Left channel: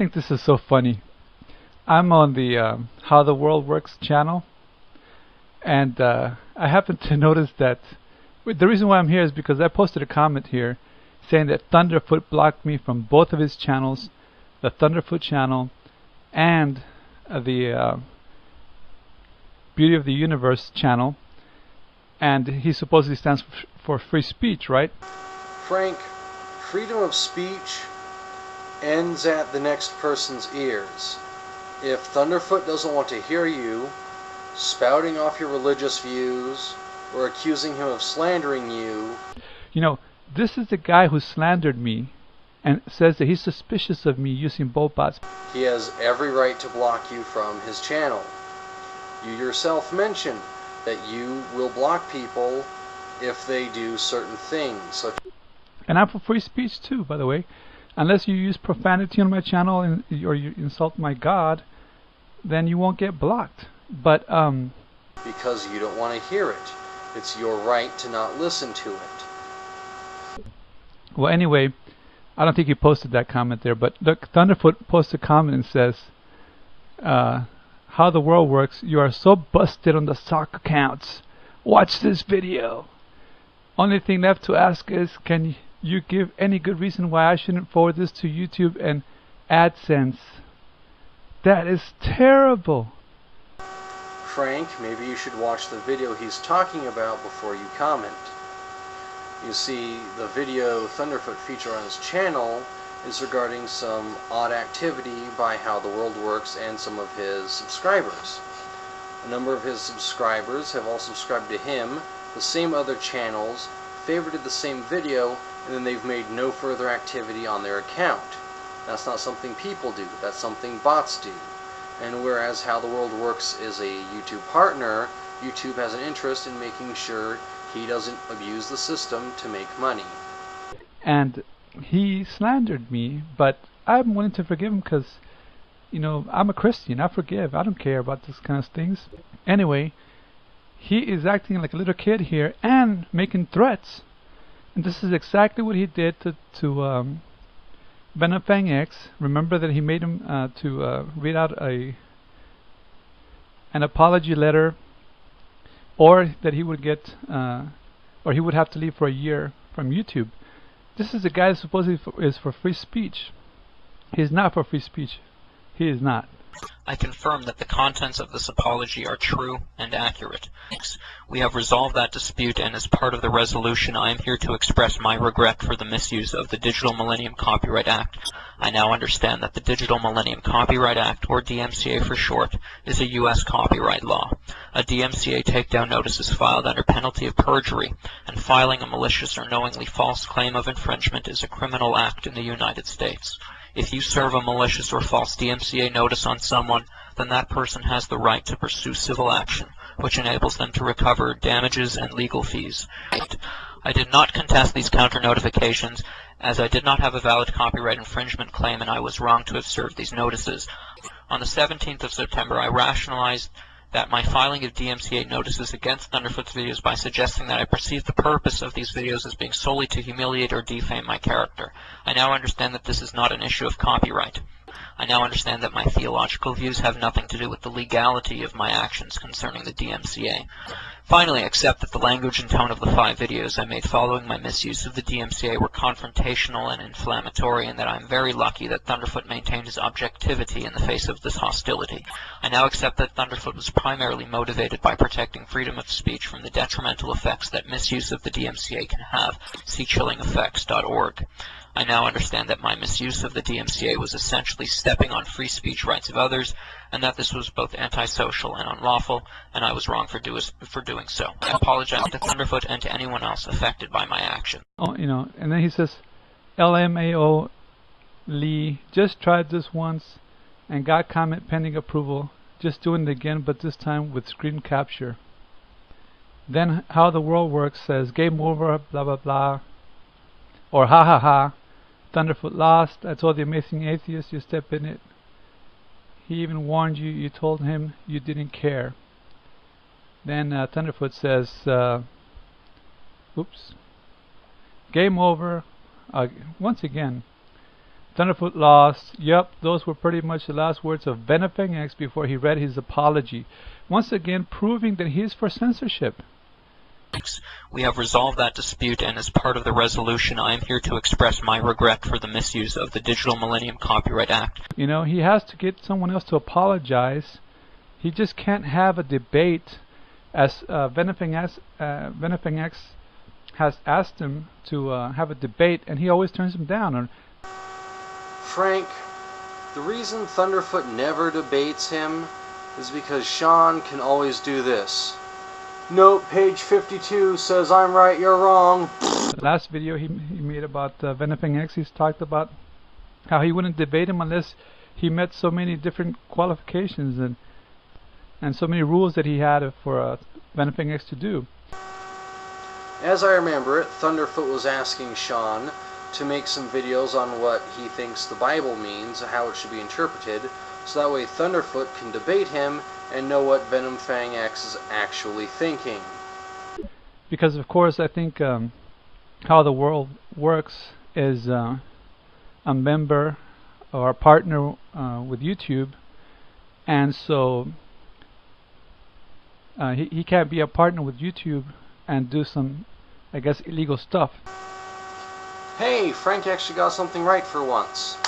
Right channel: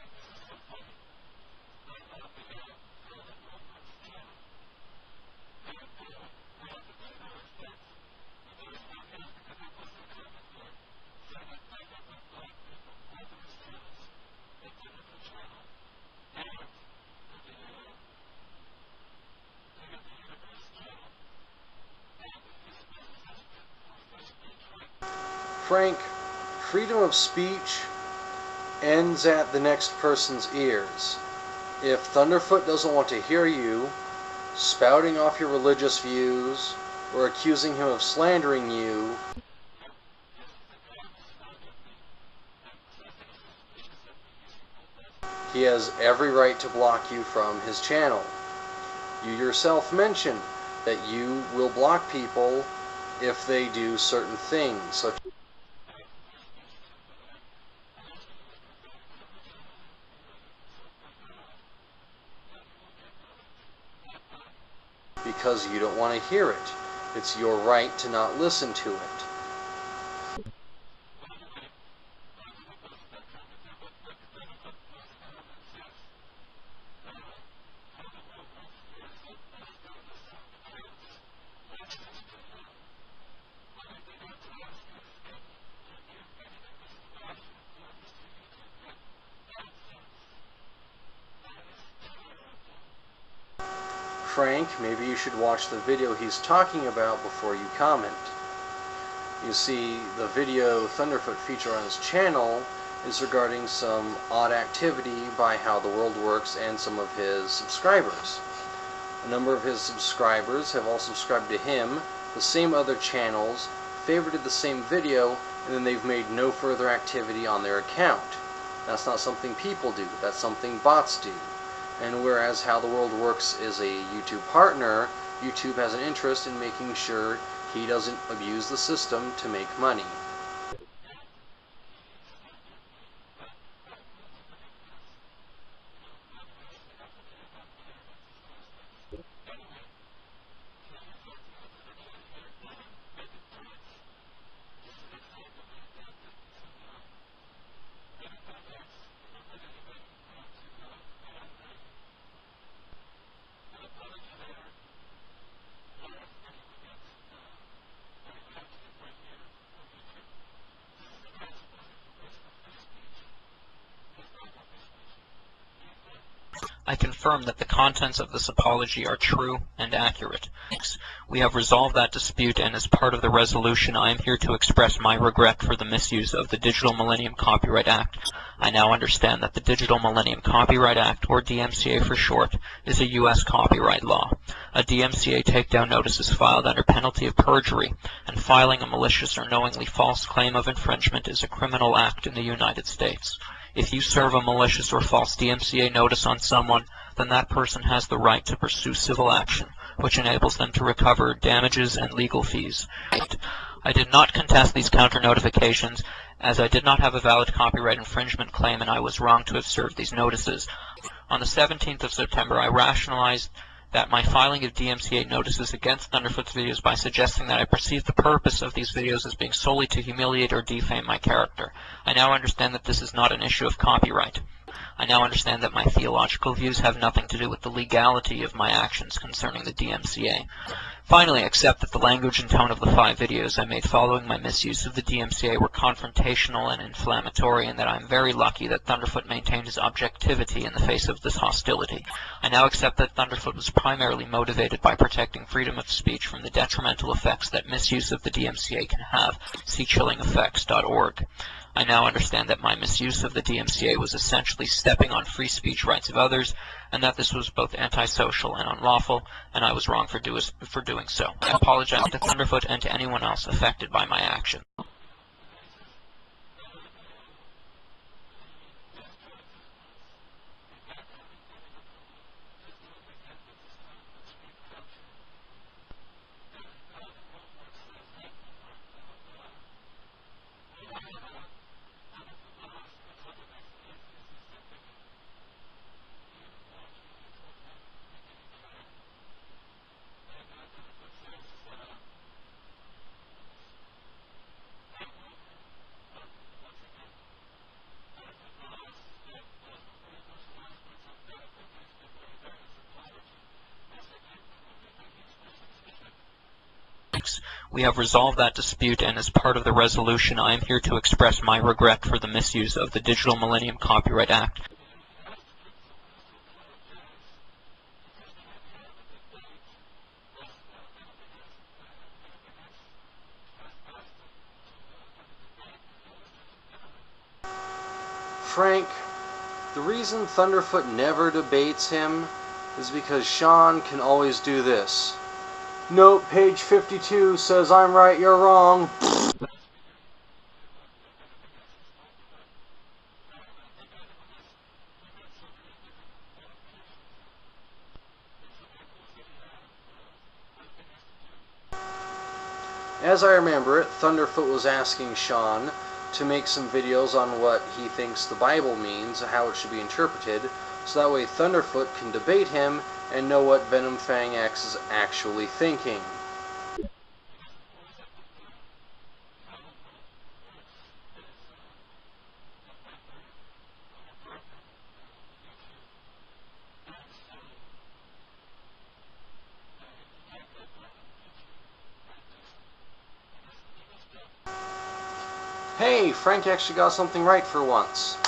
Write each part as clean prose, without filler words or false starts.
think this is so funny. I'm on the How the World Works channel, and I happen to notice that the reason why I'm here is because I posted a comment here saying that Thunderf00t blocked me from both of his channels, the Thunderf00t channel and the Beauty of the Universe channel, and he supposedly stands for free speech, right? Frank, freedom of speech ends at the next person's ears. If Thunderf00t doesn't want to hear you spouting off your religious views or accusing him of slandering you... You know, this is the guy who slandered me and says that he's suspicious of me using bots. He has every right to block you from his channel. You yourself mentioned that you will block people if they do certain things. And I'm for free speech too, by the way. Unless you use profanity on my channel or you insult my God, then you won't get blocked. But because you don't want to hear it. It's your right to not listen to it. Well, anyway, I don't think he posted that comment there, but look, Thunderf00t posted a comment and says, How the World Works, you are so busted on the sock accounts. Watch this video. Only thing left to ask is, can you give any good reason why I shouldn't forward this to YouTube and AdSense? That is terrible. Frank, maybe you should watch the video he's talking about before you comment. You see, the video Thunderf00t feature on his channel is regarding some odd activity by How the World Works and some of his subscribers. A number of his subscribers have all subscribed to him, the same other channels, favorited the same video, and then they've made no further activity on their account. That's not something people do, that's something bots do. And whereas How the World Works is a YouTube partner, YouTube has an interest in making sure he doesn't abuse the system to make money. And he slandered me, but I'm willing to forgive him because, you know, I'm a Christian. I forgive. I don't care about this kind of things. Anyway, he is acting like a little kid here and making threats. And this is exactly what he did to Benefang X. Remember that he made him to read out an apology letter, or that he would get, or he would have to leave for a year from YouTube. This is a guy that supposedly is for free speech. He is not for free speech. He is not. I confirm that the contents of this apology are true and accurate. We have resolved that dispute, and as part of the resolution, I am here to express my regret for the misuse of the Digital Millennium Copyright Act. I now understand that the Digital Millennium Copyright Act, or DMCA for short, is a U.S. copyright law. A DMCA takedown notice is filed under penalty of perjury, and filing a malicious or knowingly false claim of infringement is a criminal act in the United States. If you serve a malicious or false DMCA notice on someone, then that person has the right to pursue civil action, which enables them to recover damages and legal fees. I did not contest these counter-notifications, as I did not have a valid copyright infringement claim and I was wrong to have served these notices. On the 17th of September, I rationalized that my filing of DMCA notices against Thunderf00t's videos by suggesting that I perceived the purpose of these videos as being solely to humiliate or defame my character. I now understand that this is not an issue of copyright. I now understand that my theological views have nothing to do with the legality of my actions concerning the DMCA. Finally, I accept that the language and tone of the 5 videos I made following my misuse of the DMCA were confrontational and inflammatory, and that I am very lucky that Thunderf00t maintained his objectivity in the face of this hostility. I now accept that Thunderf00t was primarily motivated by protecting freedom of speech from the detrimental effects that misuse of the DMCA can have. See chillingeffects.org. I now understand that my misuse of the DMCA was essentially stepping on free speech rights of others, and that this was both antisocial and unlawful, and I was wrong for doing so. I apologize to Thunderf00t and to anyone else affected by my action. Oh, you know, and then he says, LMAO Lee, just tried this once and got comment pending approval. Just doing it again, but this time with screen capture. Then How the World Works says, game over, blah blah blah. Or ha ha ha, Thunderf00t lost. I told the amazing atheist you step in it. He even warned you. You told him you didn't care. Then Thunderf00t says, oops, game over. Once again, Thunderfoot lost. Yep, those were pretty much the last words of FranksVoice before he read his apology. Once again, proving that he is for censorship. We have resolved that dispute, and as part of the resolution, I am here to express my regret for the misuse of the Digital Millennium Copyright Act. You know, he has to get someone else to apologize. He just can't have a debate, as FranksVoice has asked him to have a debate, and he always turns him down. Frank, the reason Thunderfoot never debates him is because Sean can always do this. Nope, page 52 says I'm right, you're wrong. The last video he made about FranksVoice, he's talked about how he wouldn't debate him unless he met so many different qualifications and so many rules that he had for FranksVoice to do. As I remember it, Thunderfoot was asking Sean to make some videos on what he thinks the Bible means, how it should be interpreted, so that way Thunderfoot can debate him and know what FranksVoice is actually thinking. Because of course I think how the world works is a member or a partner with YouTube, and so he can't be a partner with YouTube and do some, I guess, illegal stuff. Hey, Frank actually got something right for once.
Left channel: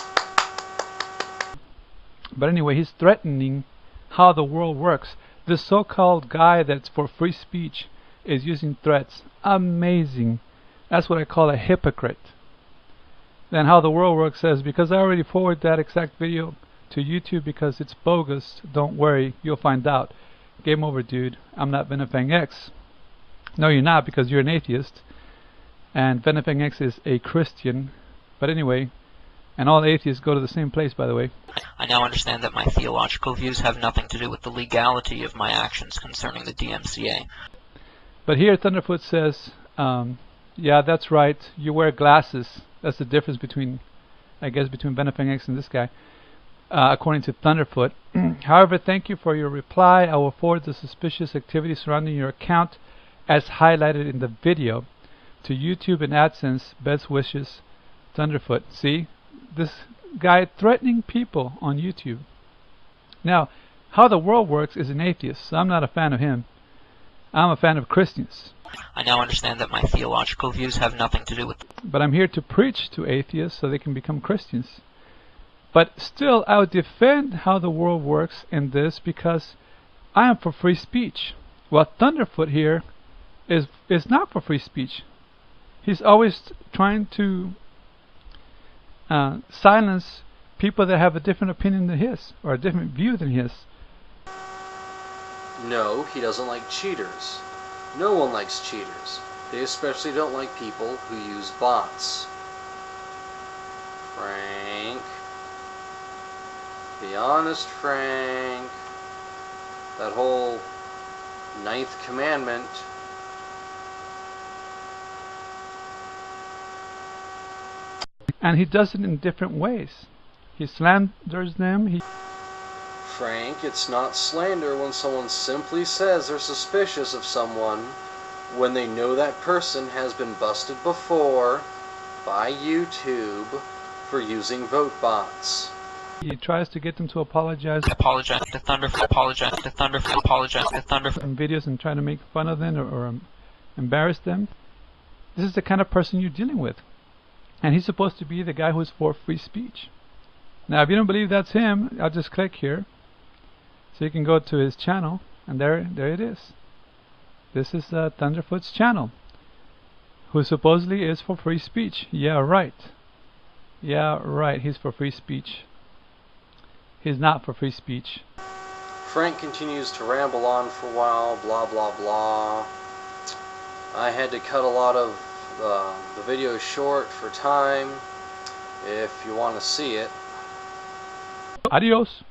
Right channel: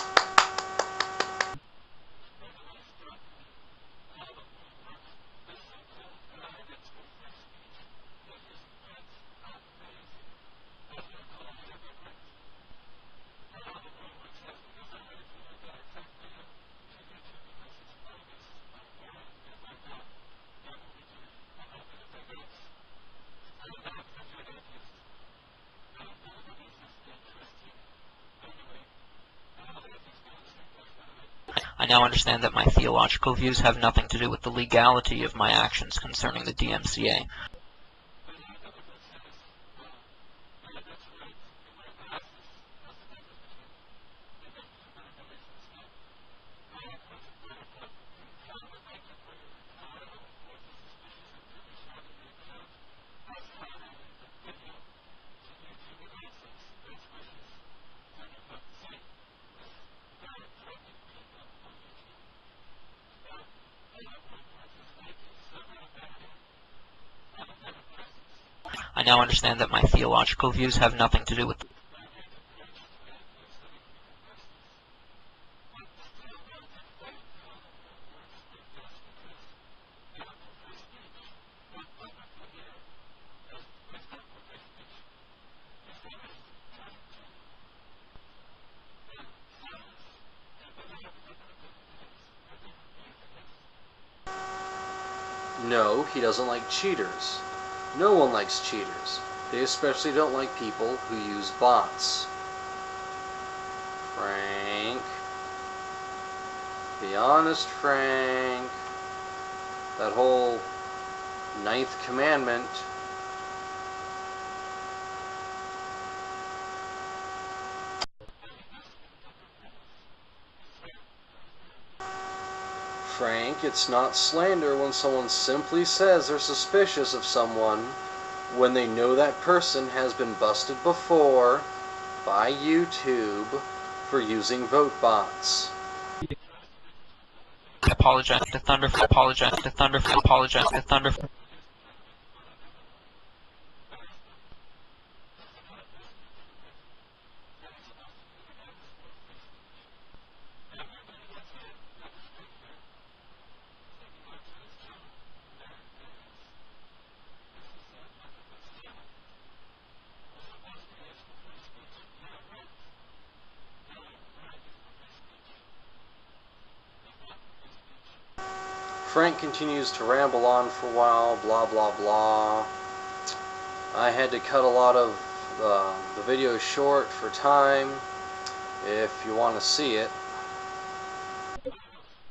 But anyway, he's threatening how the world works. This so-called guy that's for free speech is using threats. Amazing. That's what I call a hypocrite. Then how the world works says, because I already forwarded that exact video to YouTube because it's bogus, don't worry, you'll find out. Game over, dude. I'm not FranksVoice. No, you're not, because you're an atheist. And FranksVoice is a Christian. But anyway, and all atheists go to the same place, by the way. I now understand that my theological views have nothing to do with the legality of my actions concerning the DMCA. But here Thunderfoot says, yeah, that's right, you wear glasses. That's the difference between, I guess, between FranksVoice and this guy, according to Thunderfoot. However, thank you for your reply. I will forward the suspicious activity surrounding your account as highlighted in the video to YouTube and AdSense. Best wishes, Thunderfoot. See? This guy threatening people on YouTube. Now, how the world works is an atheist, so I'm not a fan of him. I'm a fan of Christians. I now understand that my theological views have nothing to do with... But I'm here to preach to atheists so they can become Christians. But still, I would defend how the world works in this because I am for free speech. Well, Thunderfoot here is not for free speech. He's always trying to silence people that have a different opinion than his, or a different view than his. No, he doesn't like cheaters. No one likes cheaters. They especially don't like people who use bots. Frank. Be honest, Frank. That whole 9th commandment. And he does it in different ways. He slanders them. Frank, it's not slander when someone simply says they're suspicious of someone when they know that person has been busted before by YouTube for using vote bots. He tries to get them to apologize. Apologize to Thunderfoot, apologize to Thunderfoot, apologize to Thunderfoot. Videos and trying to make fun of them or embarrass them. This is the kind of person you're dealing with. And he's supposed to be the guy who's for free speech. Now, if you don't believe that's him, I'll just click here. So you can go to his channel, and there it is. This is Thunderfoot's channel, who supposedly is for free speech. Yeah, right. Yeah, right. He's for free speech. He's not for free speech. Frank continues to ramble on for a while, blah blah blah. I had to cut a lot of the video short for time. If you want to see it. Adios.